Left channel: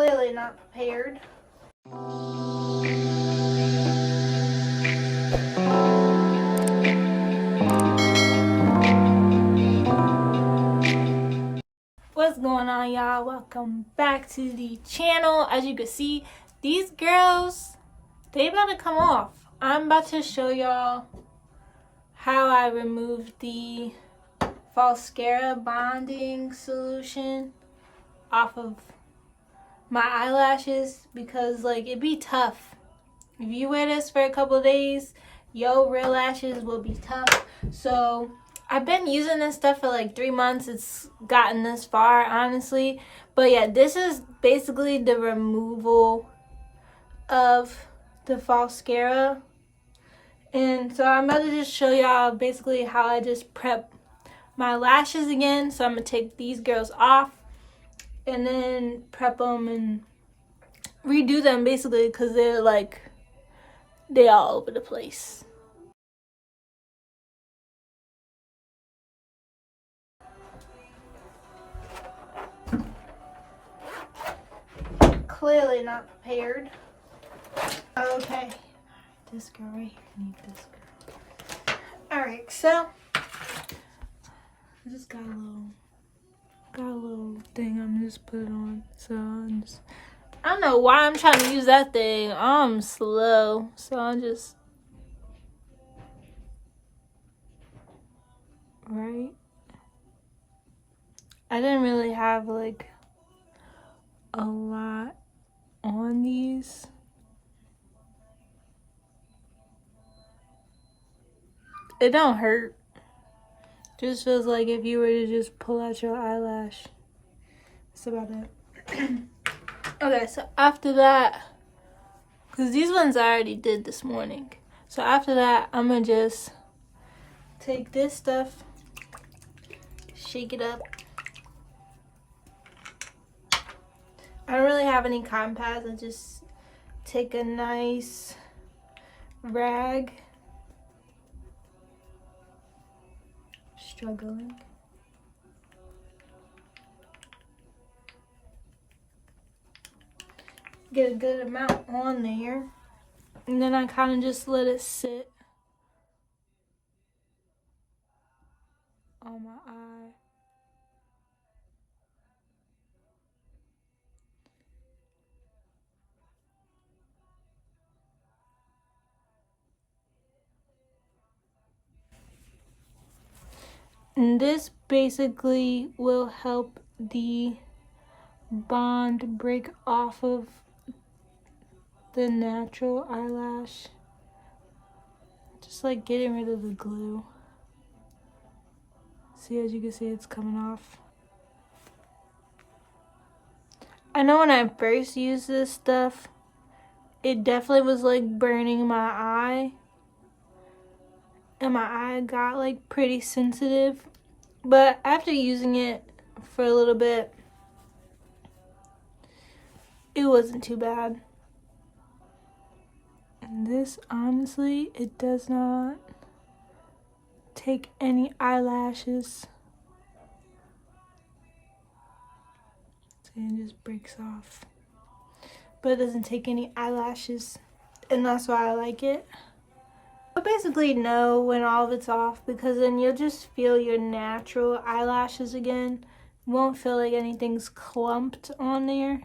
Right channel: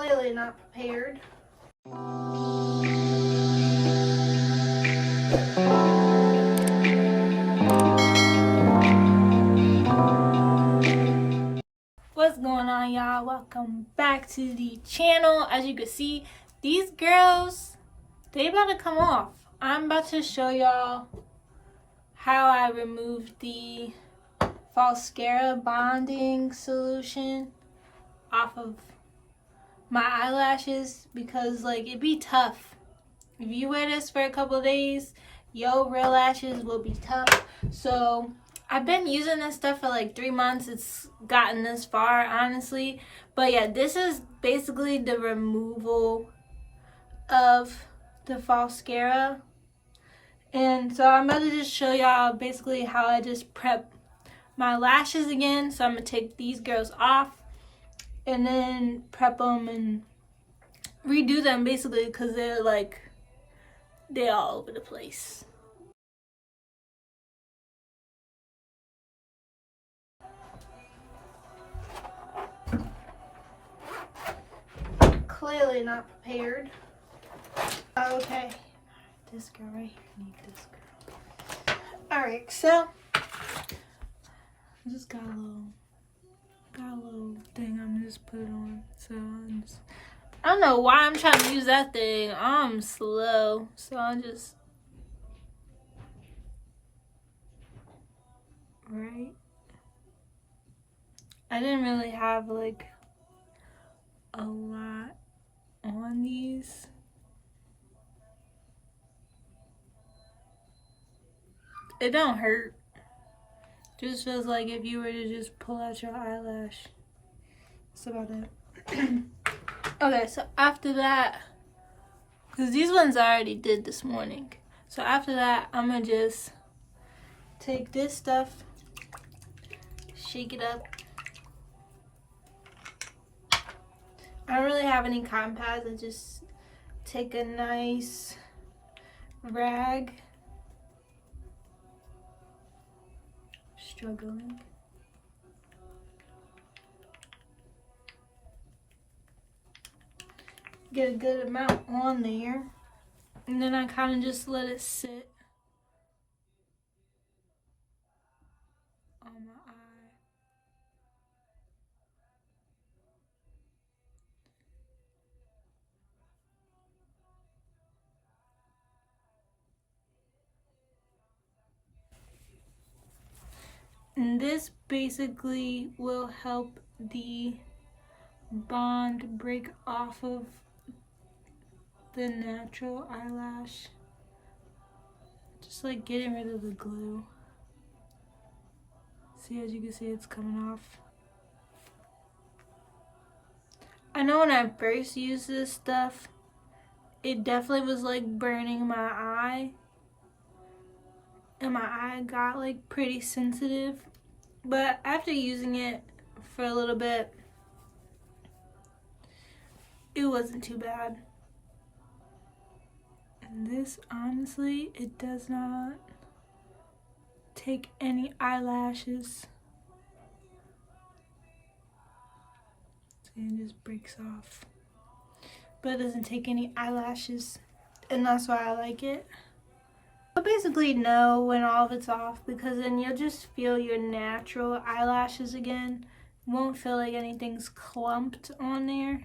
Clearly not prepared. What's going on, y'all? Welcome back to the channel. As you can see, these girls, they about to come off. I'm about to show y'all how I removed the Falscara bonding solution off of my eyelashes, because like it'd be tough if you wear this for a couple of days. Your real lashes will be tough. So I've been using this stuff for like 3 months. It's gotten this far, honestly. But yeah, this is basically the removal of the Falscara. And so I'm about to just show y'all basically how I just prep my lashes again. So I'm gonna take these girls off and then prep them and redo them basically, because they're all over the place. Clearly not prepared. Okay, this girl right here, need this girl. Alright, so I just got a little thing. I'm just put it on. So I don't know why I'm trying to use that thing. I'm slow, so I'm just right. I didn't really have like a lot on these. It don't hurt. Just feels like if you were to just pull out your eyelash. That's about it. Okay, so after that, because these ones I already did this morning. So after that, I'm gonna just take this stuff, shake it up. I don't really have any cotton pads. I just take a nice rag. Struggling. Get a good amount on there, and then I kind of just let it sit on my eye. And this basically will help the bond break off of the natural eyelash. Just like getting rid of the glue. See, as you can see, it's coming off. I know when I first used this stuff, it definitely was like burning my eye. And my eye got like pretty sensitive. But after using it for a little bit, it wasn't too bad. And this, honestly, it does not take any eyelashes. And it just breaks off. But it doesn't take any eyelashes. And that's why I like it. But basically know when all of it's off, because then you'll just feel your natural eyelashes again. You won't feel like anything's clumped on there.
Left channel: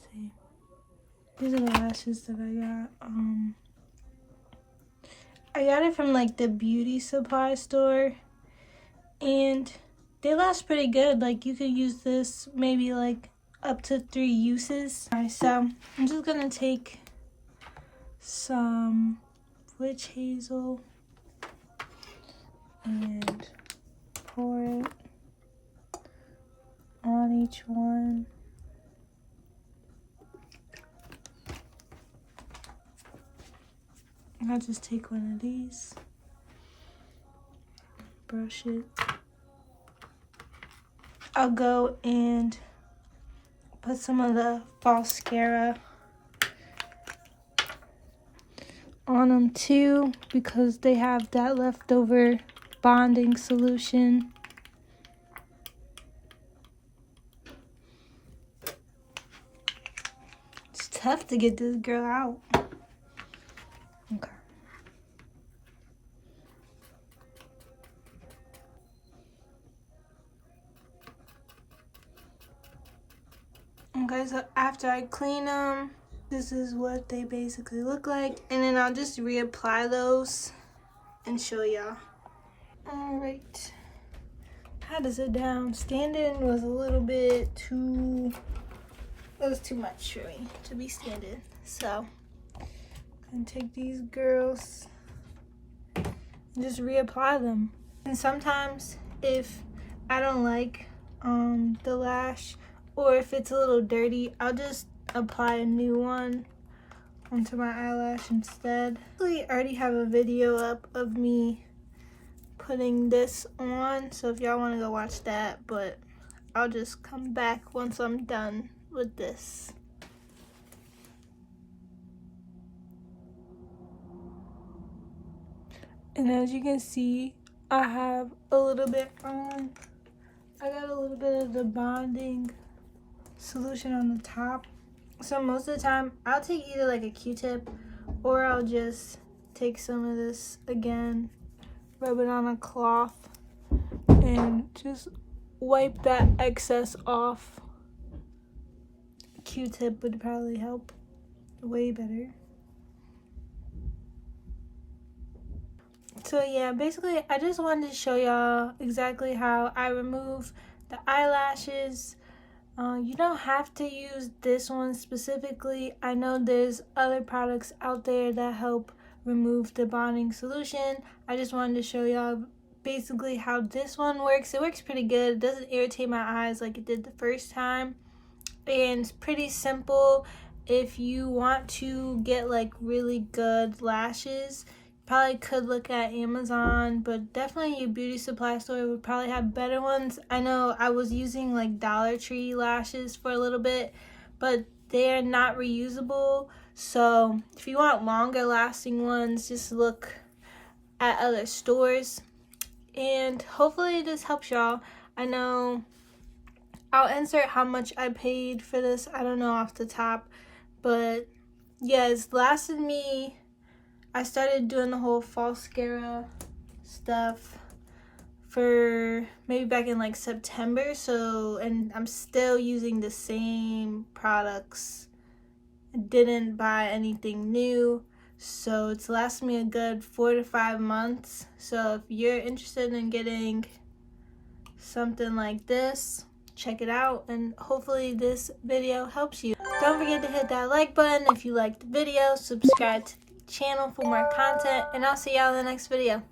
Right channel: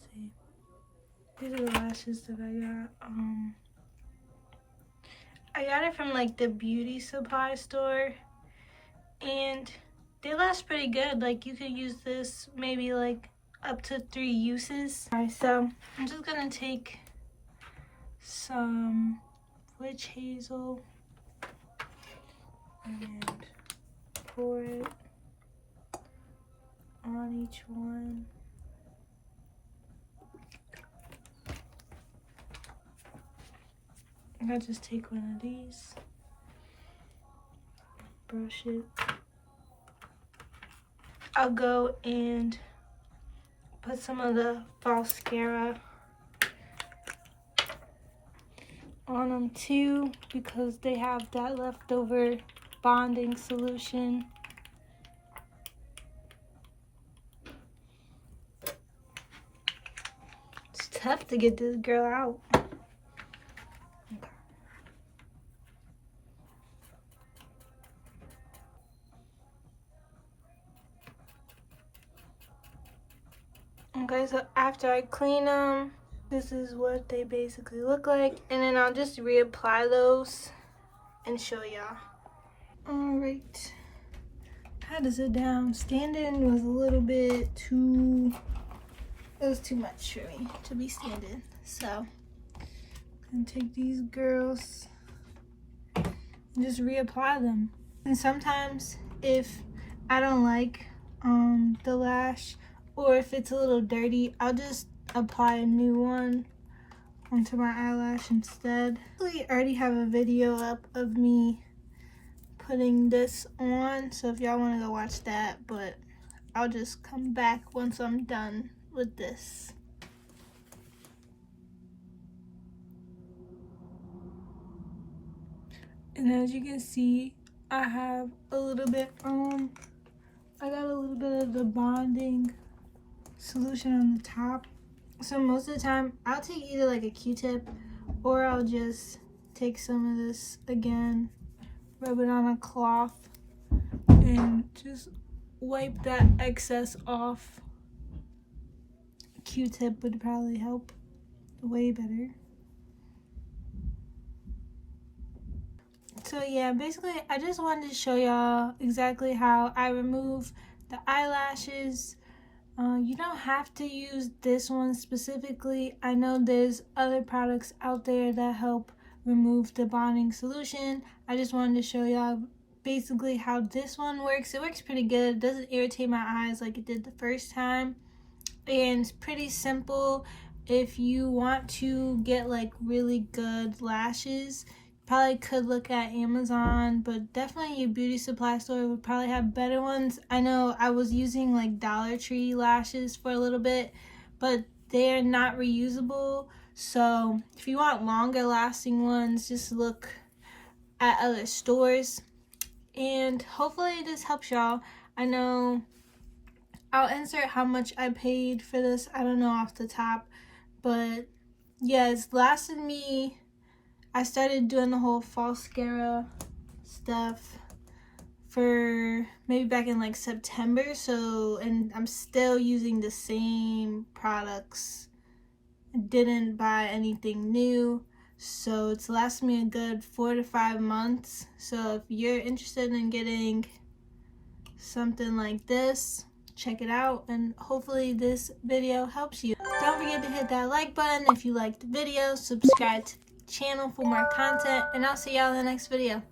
See, these are the lashes that I got it from like the beauty supply store, and they last pretty good. Like you could use this maybe like up to 3 uses. Alright, so I'm just gonna take some witch hazel and pour it on each one. I'll just take one of these, brush it. I'll go and put some of the Falscara on them too, because they have that leftover bonding solution. tough to get this girl out. Okay. Okay, so after I clean them, this is what they basically look like. And then I'll just reapply those and show y'all. Alright. I had to sit down. Standing was a little bit too... It was too much for me to be standing. So, I'm gonna take these girls and just reapply them. And sometimes if I don't like the lash, or if it's a little dirty, I'll just apply a new one onto my eyelash instead. I already have a video up of me putting this on, so if y'all want to go watch that, but I'll just come back once I'm done with this. And as you can see, I have a little bit I got a little bit of the bonding solution on the top. So most of the time I'll take either like a Q-tip, or I'll just take some of this again, rub it on a cloth, and just wipe that excess off. Q-tip would probably help way better. So yeah, basically I just wanted to show y'all exactly how I remove the eyelashes. You don't have to use this one specifically. I know there's other products out there that help remove the bonding solution. I just wanted to show y'all basically how this one works. It works pretty good. It doesn't irritate my eyes like it did the first time. And it's pretty simple. If you want to get like really good lashes, probably could look at Amazon, but definitely your beauty supply store would probably have better ones. I know I was using like Dollar Tree lashes for a little bit, but they're not reusable. So if you want longer lasting ones, just look at other stores. And hopefully this helps y'all. I know I'll insert how much I paid for this. I don't know off the top, but yeah, it's lasted me. I started doing the whole Falscara stuff for maybe back in like September, so, and I'm still using the same products. I didn't buy anything new, so it's lasted me a good 4 to 5 months. So if you're interested in getting something like this, check it out, and hopefully this video helps you. Don't forget to hit that like button if you liked the video, subscribe to the channel for more content, and I'll see y'all in the next video.